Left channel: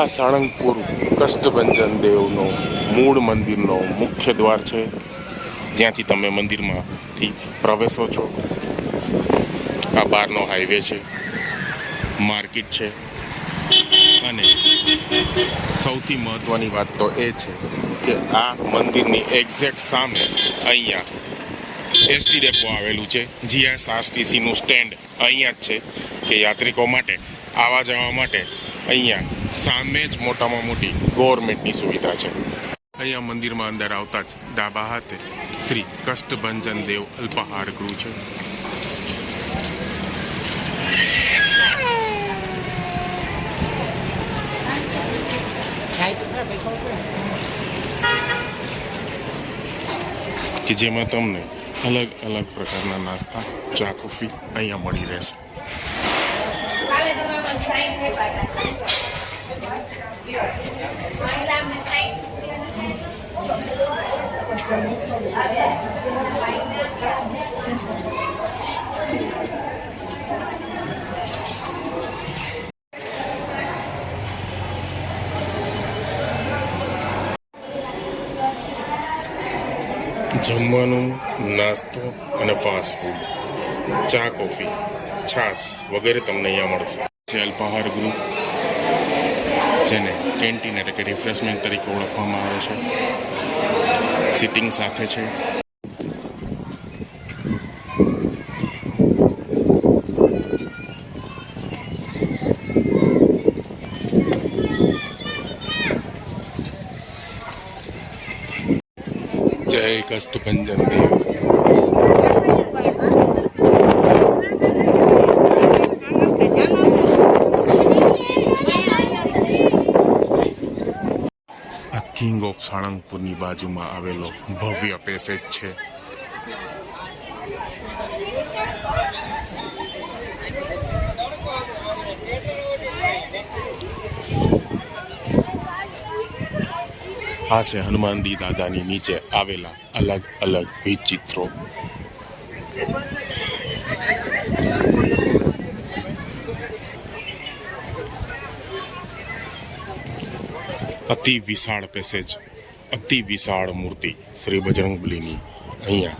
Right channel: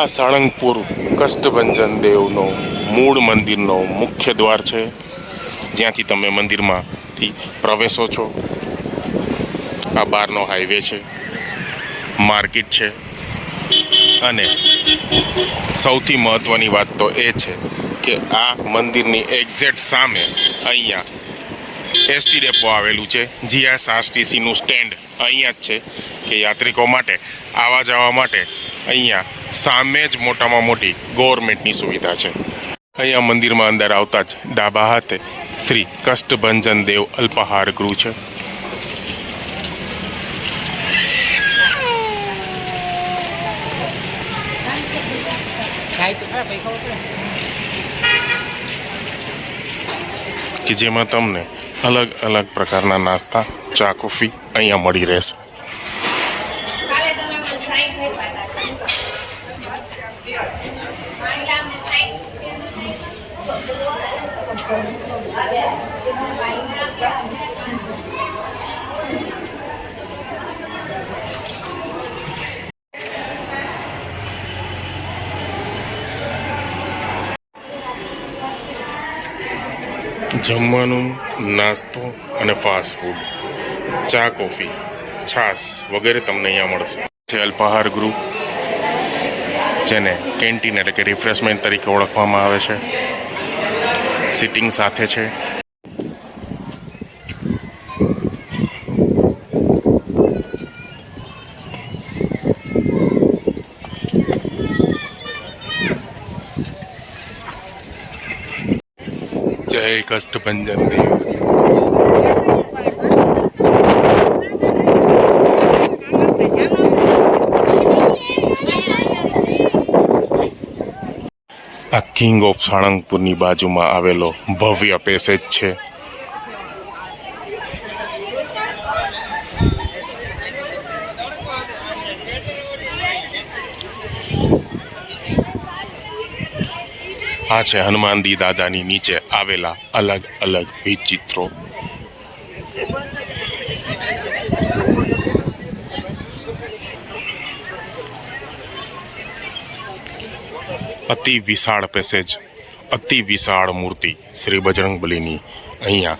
આ સાળંગપુર કષ્ટભંજન દેવનો મૂળ મંદિરનો મુખ્ય દ્વાર છે, જ્યાંથી તમે મંદિરમાંથી પ્રવેશો છો. આ બહારનો હાઈવે છે, માર્કેટ છે, અને સૌથી મહત્ત્વની વાત તો એ છે કે આ મંદિરની એક્ઝેક્ટ સામે અહીંયા એસટી ડેપો આવેલું છે. GSRTCનું સ્ટેન્ડ અહીંયા જ છે કે યાત્રિકો માટે આવવા જવા માટે અહીંયા સામે જ મોટામાં મોટી ગવર્મેન્ટની સુવિધા છે. અહીંયા મંદિરમાં અંદર આવતા જ ડાબા હાથે શ્રી કષ્ટભંજન દેવ અલ્પાહાર ગૃહ છે. કે જેમાં તમને અલગ અલગ પ્રકારના નાસ્તા, ચા, કોફી અહીંયા મળી રહેશે. જમવાનું, નાસ્તો અને ફાસ્ટ ફૂડ, ચા, કોફી, છાશ વગેરે તમને અહીંયા મળશે. છે અલ્પાહાર ગૃહ, જેને કેન્ટીન એટલે કે રિફ્રેશમેન્ટ તરીકે ઓળખવામાં આવે છે. સિટિંગ સાથે છે. જય કષ્ટભંજન દેવ. આ કિંગ ઓફ સાળંગપુરની બાજુમાં આવેલો ભવ્ય પેસેજ છે. આ છે હનુમાનજી દાદાની નીચે આવેલા અલગ અલગ ભીત ચિત્રો. અતિ વિશાળ પેસેજ, અતિ વિશાળ મૂર્તિ શ્રી બજરંગબલીની અહીંયા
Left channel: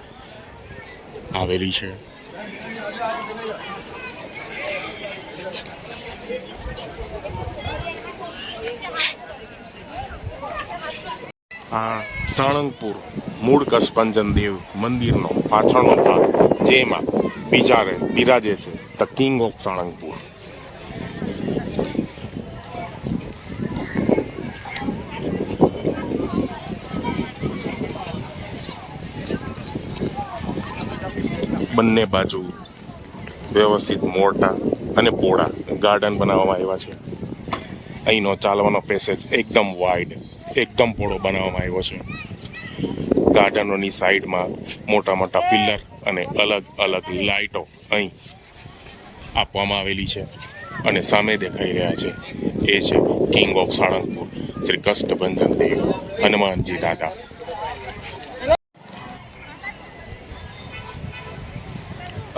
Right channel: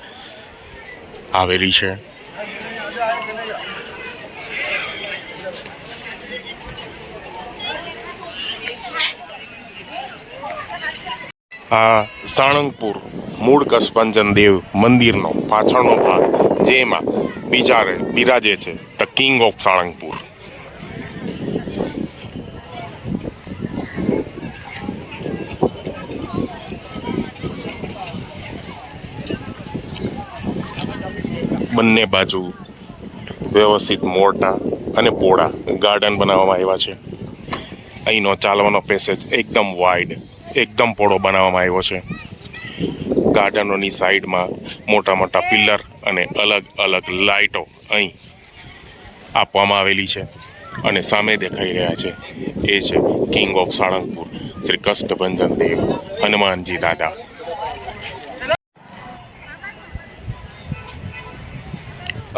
આવેલી છે. આ સાળંગપુર મૂળ કષ્ટભંજન દેવ મંદિરનો પાછળનો ભાગ, જેમાં બિરાજે છે ધ કિંગ ઓફ સાળંગપુર. બંને બાજુ વ્યવસ્થિત મોટા અને પહોળા ગાર્ડન બનાવવામાં આવ્યા છે. અહીંનો ચાલવાનો પેસેજ એકદમ વાઇડ, એકદમ પહોળો બનાવવામાં આવ્યો છે. ગાર્ડનોની સાઈડમાં મોટા મોટા પિલ્લર અને અલગ અલગ લાઇટો અહીં આપવામાં આવેલી છે. અને સામે દેખાઈ રહ્યા છે એ છે કિંગ ઓફ સાળંગપુર શ્રી કષ્ટભંજન દેવ હનુમાનજી દાદા.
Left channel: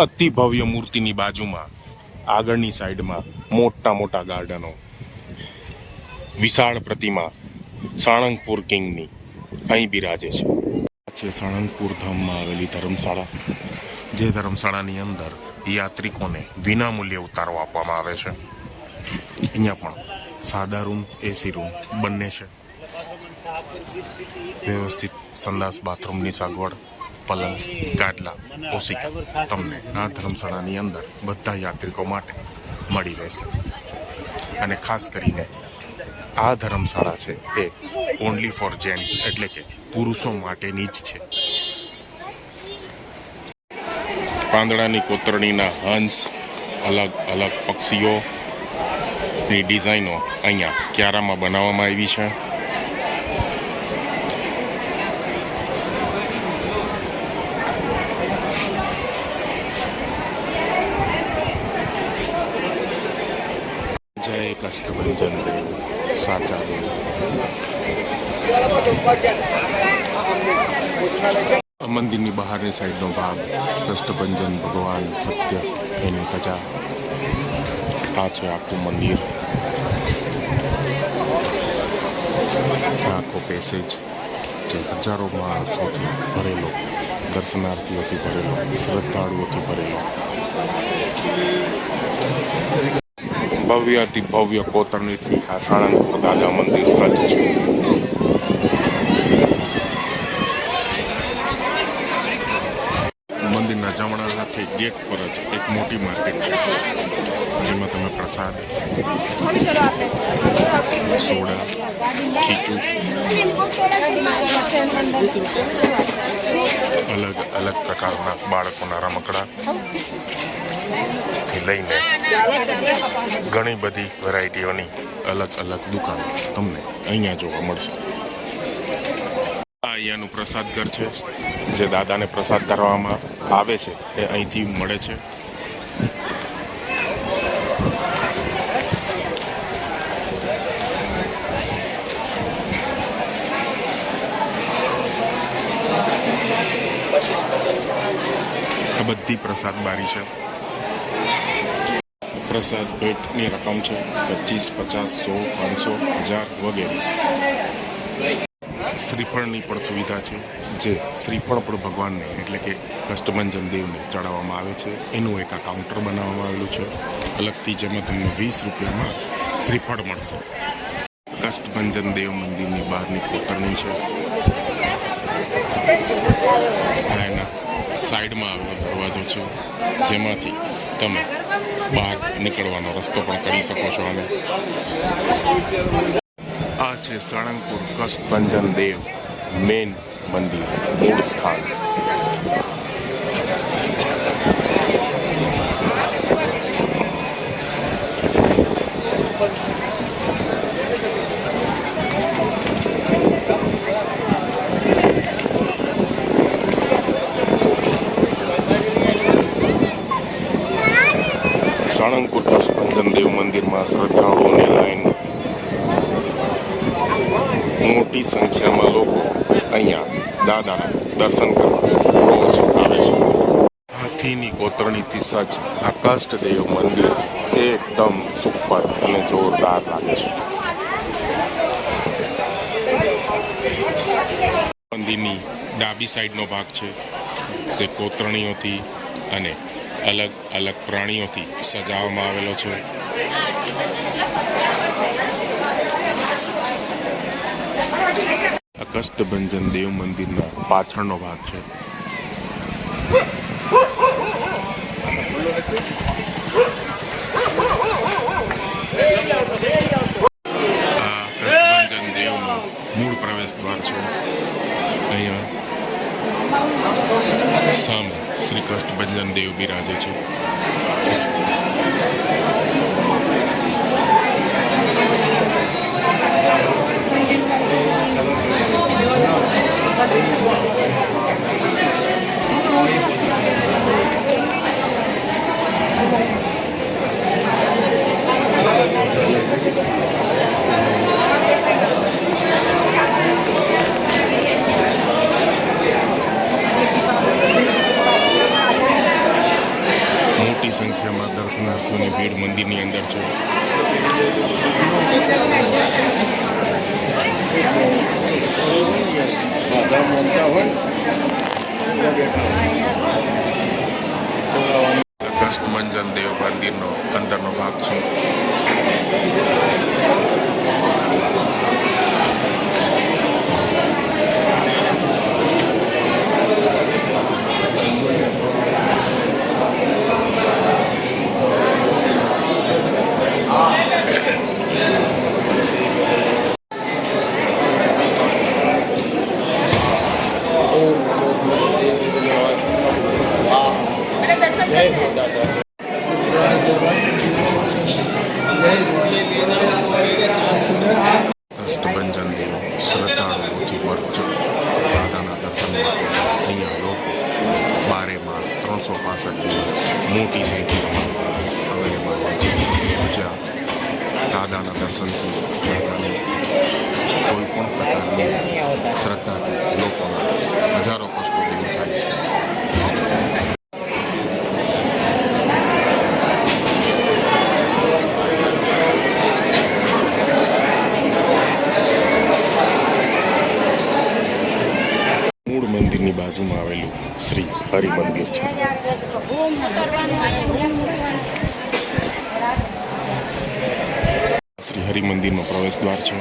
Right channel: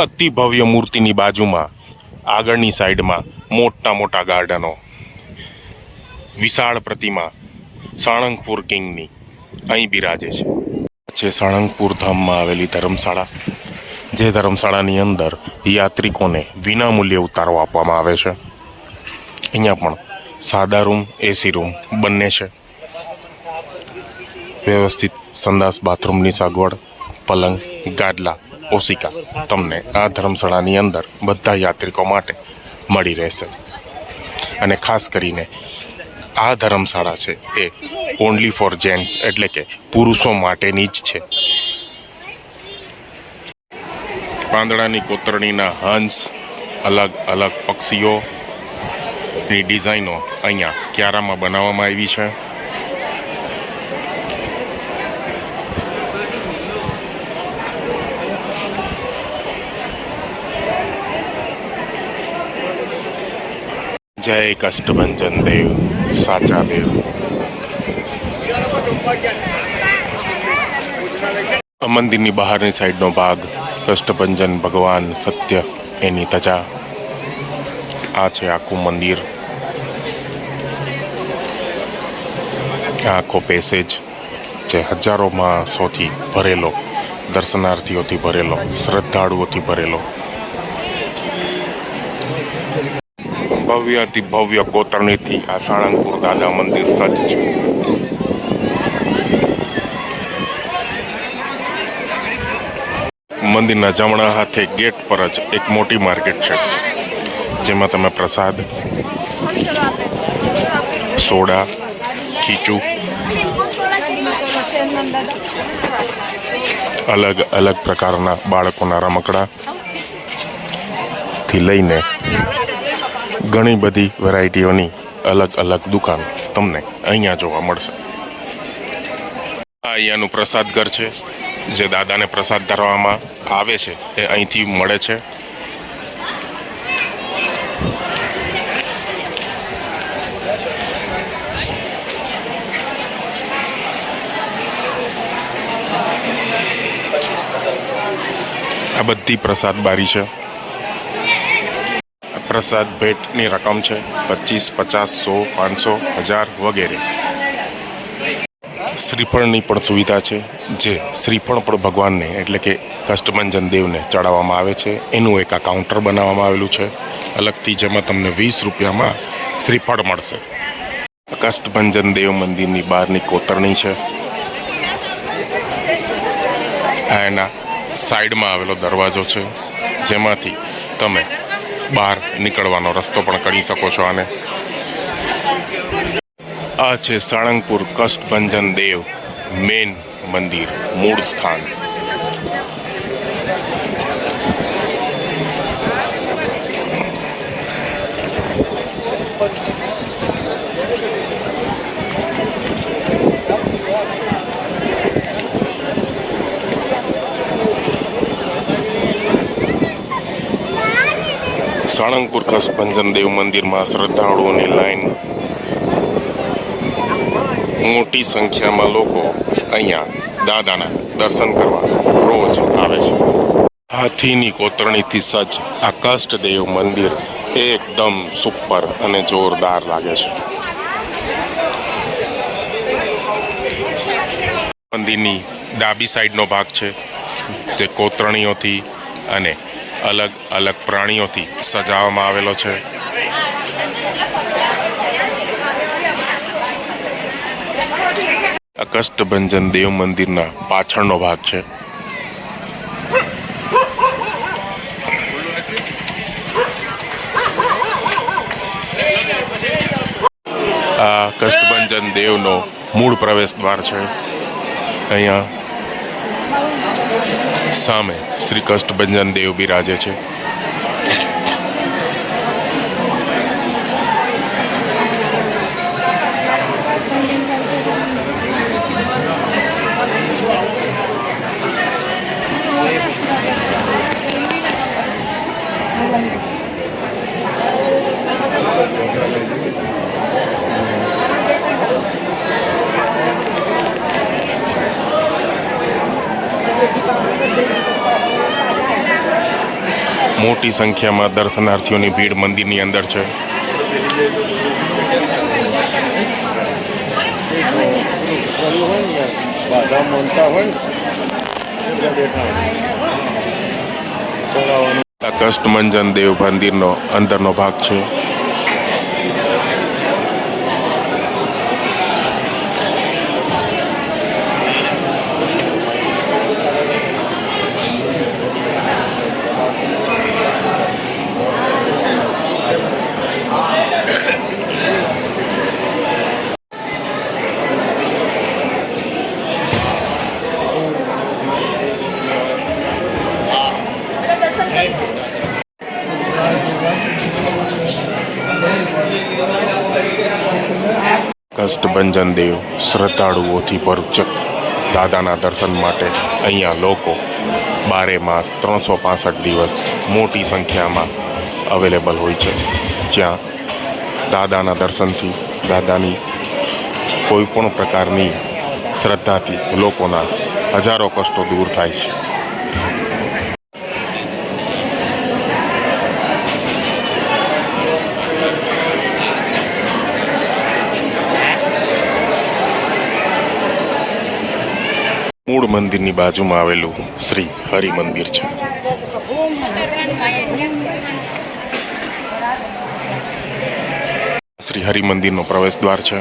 અતિ ભવ્ય મૂર્તિની બાજુમાં આગળની સાઈડમાં મોટા મોટા ગાર્ડનો, વિશાળ પ્રતિમા સાળંગપુર કિંગની અહીં બિરાજે છે. સાળંગપુર ધામમાં આવેલી ધર્મશાળા, જે ધર્મશાળાની અંદર યાત્રિકોને વિનામૂલ્યે ઉતારો આપવામાં આવે છે. અહીંયા પણ સાદા રૂમ, એસી રૂમ બંને છે. વ્યવસ્થિત સંડાસ બાથરૂમની સગવડ, પલંગ, ગાદલા, ઓશિકા તમને આ ધર્મશાળાની અંદર બધા યાત્રિકો માટે મળી રહેશે. અને ખાસ કરીને આ ધર્મશાળા છે એ ઓનલી ફોર જેન્ટ્સ એટલે કે પુરુષો માટેની જ છે. પાંદડાની કોતરણીના હંસ, અલગ અલગ પક્ષીઓની ડિઝાઇનો અહીંયા ક્યારામાં બનાવવામાં આવી છે. જય કષ્ટભંજન દેવ, સાચા દેવ. મંદિરની બહારની સાઈડનો ભાગ કષ્ટભંજન ભગવાન સત્ય એની ધજા. આ છે આખું મંદિર. આ આખો પેસેજ જે હજારો માણસોથી ભરેલો, દર્શનાર્થીઓથી ભરેલો, શ્રદ્ધાળુઓથી ભરેલો, ભવ્યથી ભવ્ય કોતરણીથી આ સાળંગપુર દાદા મંદિર સજ્જ છે. મંદિરના જમણા હાથે ગેટ પર જ એક મોટી માર્કેટ છે, જેમાં તમે પ્રસાદ, સોડા, ખીચું, અલગ અલગ પ્રકારના બાળકોના રમકડા થી લઈને ઘણી બધી વેરાયટીઓની અલગ અલગ દુકાન તમને અહીંયા જોવા મળશે. આ અહીંયાનું પ્રસાદ ઘર છે. જે દાદાને પ્રસાદ ધરવામાં આવે છે એ અહીંથી મળે છે. આ બધી પ્રસાદ બારી છે. પ્રસાદ ભેટની રકમ છે 25, 50, 100, 500, 1000 વગેરે. શ્રીફળની પણ સુવિધા છે. જે શ્રીફળ પણ ભગવાનને એટલે કે કષ્ટભંજન દેવને ચડાવવામાં આવે છે. એનું એક આ કાઉન્ટર બનાવવામાં આવેલું છે અલગથી, જેમાં તમને 20 રૂપિયામાં શ્રીફળ મળશે. કષ્ટભંજન દેવ મંદિરની બહારની કોતરણી છે. આ એના સાઈડમાં આવેલો દરવાજો છે, જેમાંથી તમે બહાર નીકળવાનો રસ્તો પણ કરી શકો છો. આને આ છે સાળંગપુર કષ્ટભંજન દેવ મેન મંદિર, મૂળ સ્થાન. સાળંગપુર કષ્ટભંજન દેવ મંદિરમાં શ્રદ્ધાળુઓની લાઈન, મોટી સંખ્યામાં લોકો અહીંયા દાદાના દર્શન કરવા રોજ આવે છે. હાથીની કોતરણીથી સજ્જ આ કષ્ટદેવ મંદિર એકદમ સુપર અને જોરદાર લાગે છે. મંદિરની ડાબી સાઈડનો ભાગ છે, તે કોતરણીઓથી અને અલગ અલગ પ્રાણીઓથી સજાવવામાં આવેલો છે. આ કષ્ટભંજન દેવ મંદિરના પાછળનો ભાગ છે. આ કષ્ટભંજન દેવનો મૂળ પ્રવેશ દ્વાર છે. અહીંયા સામે શ્રી કષ્ટભંજન દેવ બિરાજે છે. મોટી સંખ્યામાં દર્શનાર્થીઓની ભીડ મંદિરની અંદર છે. આ કષ્ટભંજન દેવ મંદિરનો અંદરનો ભાગ છે. કષ્ટભંજન દેવ શ્રદ્ધાળુઓથી ભરચક દાદાના દર્શન માટે અહીંયા લોકો 12 માસ 365 દિવસ મોટી સંખ્યામાં અવેલેબલ હોય છે. જ્યાં દાદાના દર્શનથી, દાદાની કોઈ પણ પ્રકારની શ્રદ્ધાથી લોકોના હજારો કષ્ટો દૂર થાય છે. મૂળ મંદિરની બાજુમાં આવેલું શ્રી હરિ મંદિર છે. શ્રી હરિ મંદિરનો પ્રવેશ દ્વાર છે.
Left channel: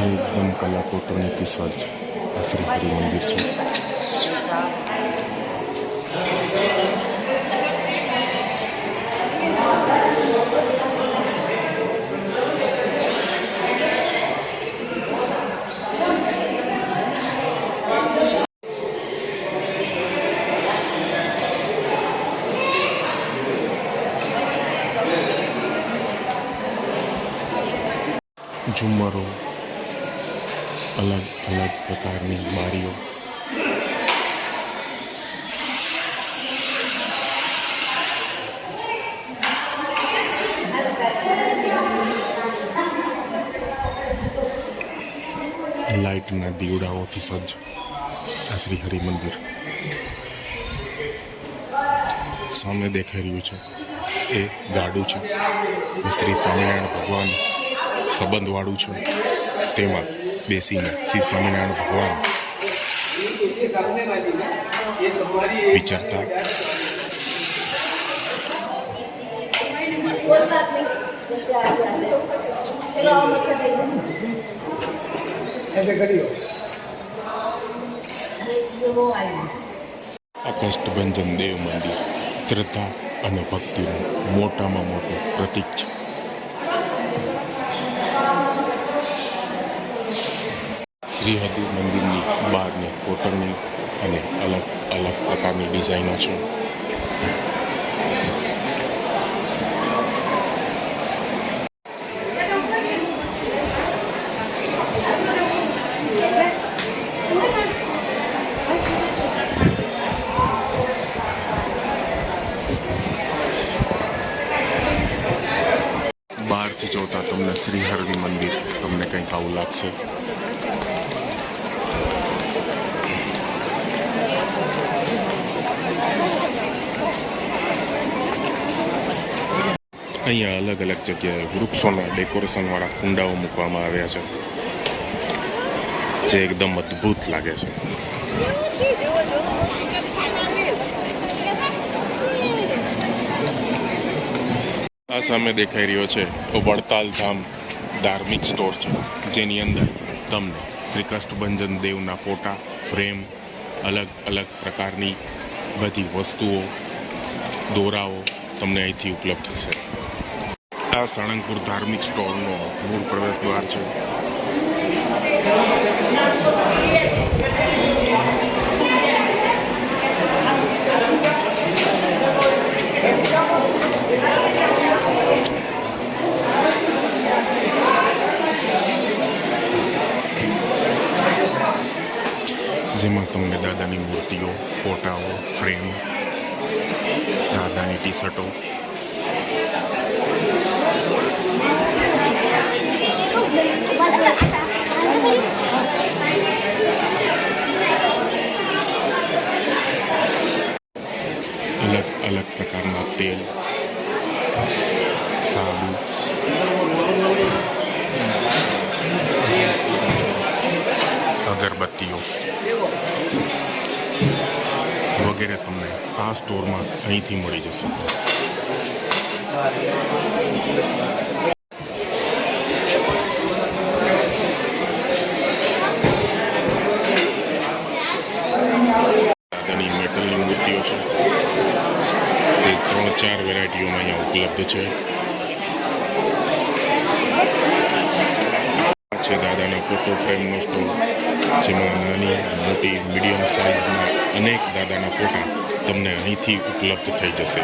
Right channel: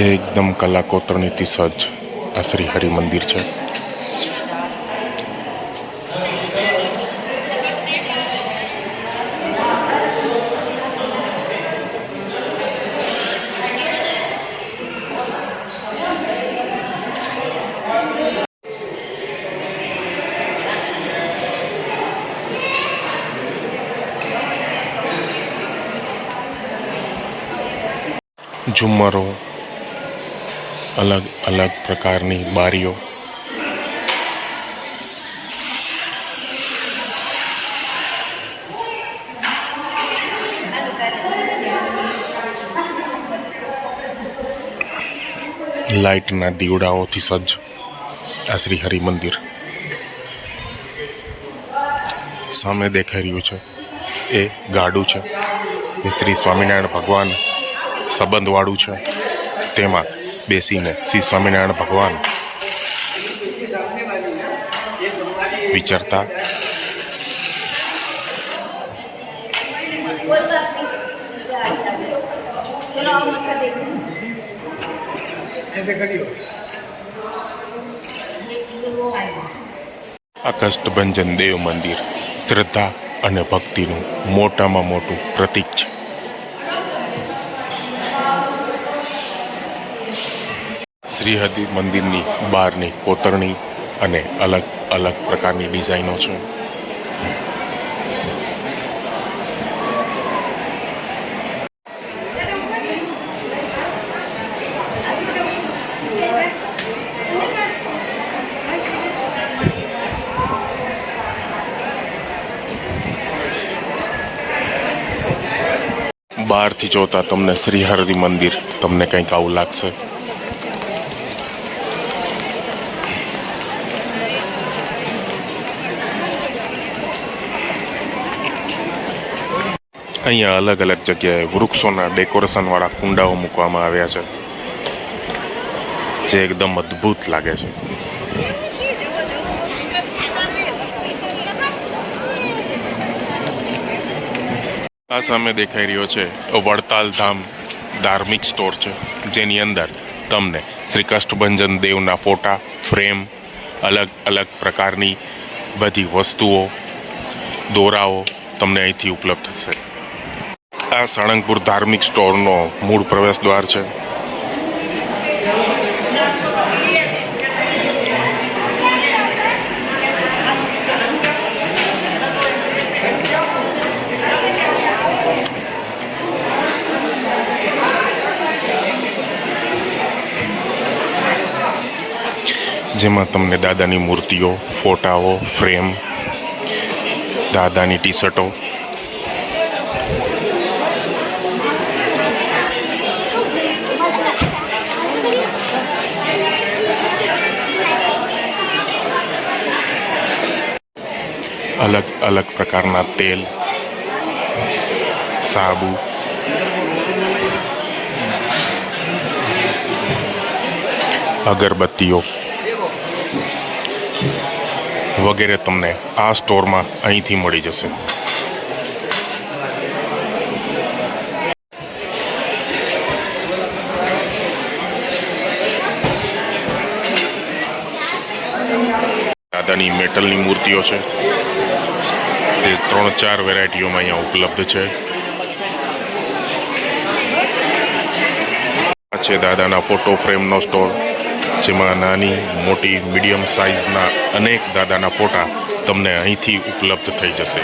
એકદમ કલા કોતરણીથી સજ્જ આ શ્રી હરિ મંદિર છે. ઝુમ્મરો, અલગ અલગ પ્રકારની બારીઓ, લાઇટના દીવડાઓથી સજ્જ આ શ્રી હરિ મંદિર. સામે દેખાઈ રહ્યું છે એ ગાડું છે. એ શ્રી સ્વામિનારાયણ ભગવાન સંબંધવાળું છે. તેમાં બેસીને શ્રી સ્વામિનારાયણ ભગવાન વિચારતા આ કષ્ટભંજન દેવ મંદિર શ્રદ્ધા અને ભક્તિનું મોટામાં મોટું પ્રતીક છે. શ્રી હરિ મંદિરની બહારની કોતરણી અને અલગ અલગ પ્રકારની ડિઝાઇનો છે. બહારથી જોતા તમને શ્રી હરિ મંદિર તમને કંઈક આવું લાગશે. અહીંયા અલગ અલગ જગ્યાએ વૃક્ષોના ડેકોરેશનવાળા કુંડાઓ મૂકવામાં આવ્યા છે, જે એકદમ અદ્ભુત લાગે છે. આ સામે દેખાઈ રહ્યો છે વડતાલ ધામ ધાર્મિક સ્ટોર છે, જેની અંદર તમને શ્રી કષ્ટભંજન દેવના ફોટા, ફ્રેમ, અલગ અલગ પ્રકારની બધી વસ્તુઓ, દોરાઓ તમને અહીંથી ઉપલબ્ધ થશે. આ સાળંગપુર ધાર્મિક સ્ટોરનો મૂળ પ્રવેશ દ્વાર છે. જેમાં તમને દાદાની મૂર્તિઓ, ફોટાઓ, ફ્રેમ, દાદાની ટી શર્ટો, અલગ અલગ પ્રકારના તેલ, સાબુ, અગરબત્તીઓ વગેરે તમને આ સ્ટોરમાં અહીંથી મળી જશે. દાદાની મેટલની મૂર્તિઓ છે, તે 3-4 વેરાયટીઓમાં અહીંયા ઉપલબ્ધ છે. આ છે દાદાના ફોટો ફ્રેમનો સ્ટોર. જેમાં નાની મોટી મીડિયમ સાઇઝના અનેક દાદાના ફોટા તમને અહીંથી ઉપલબ્ધ થઈ જશે.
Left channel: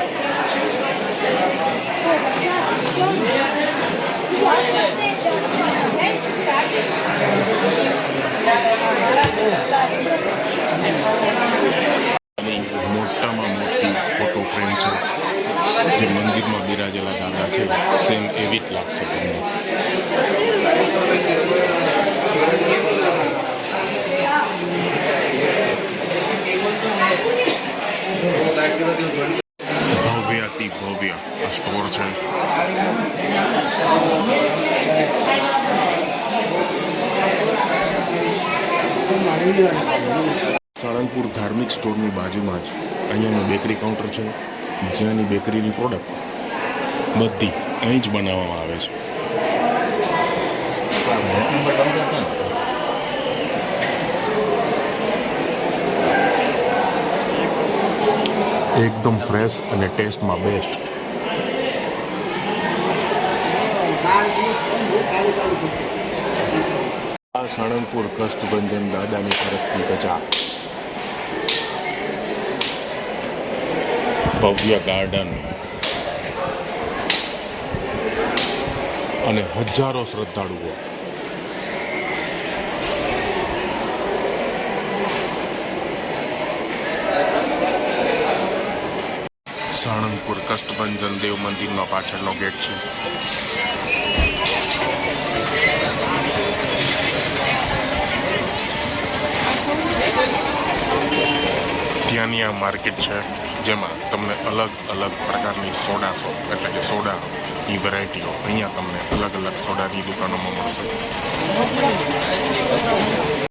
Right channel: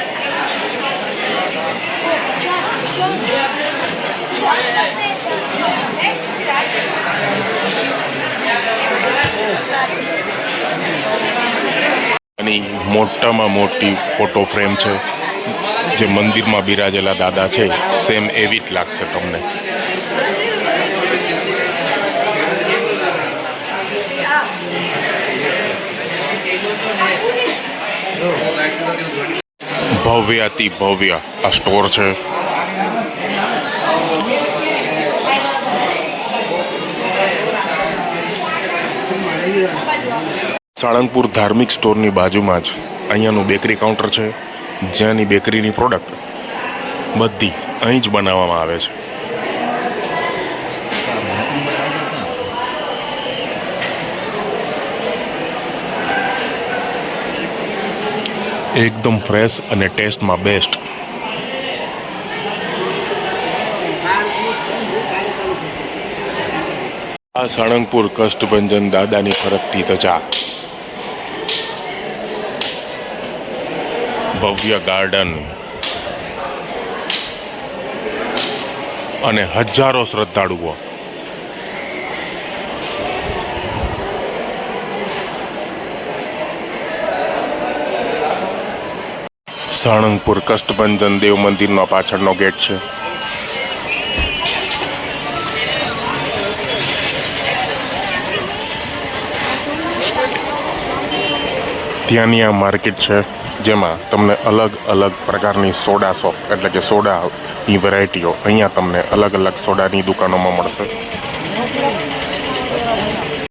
અને મોટામાં મોટી ફોટો ફ્રેમ છે, જે મંદિરમાં બિરાજેલા દાદા છે સેમ એવી જ લાગશે તમને. ભવ્યાતિ ભવ્ય આ સ્ટોર છે. સાળંગપુર ધાર્મિક સ્ટોરની બાજુમાં જ અહીંયાનું બેકરી કાઉન્ટર છે, જ્યાંની બેકરીની પ્રોડક્ટ બધી અહીં જ બનાવવામાં આવે છે. એકદમ ફ્રેશ અને ટેસ્ટમાં બેસ્ટ. આ સાળંગપુર કષ્ટભંજન દાદાની ફરકતી ધજા, ભવ્ય ગાર્ડન અને હજારો શ્રદ્ધાળુઓ. સાળંગપુર કષ્ટભંજન દેવ મંદિરનો પાછળનો ગેટ છે. ત્યાંની આ માર્કેટ છે, જેમાં તમને અલગ અલગ પ્રકારની સોડા શોપ એટલે કે સોડાની વેરાયટીઓ અહીંયા તમને અલગ અલગ સોડાની દુકાનોમાં મળશે.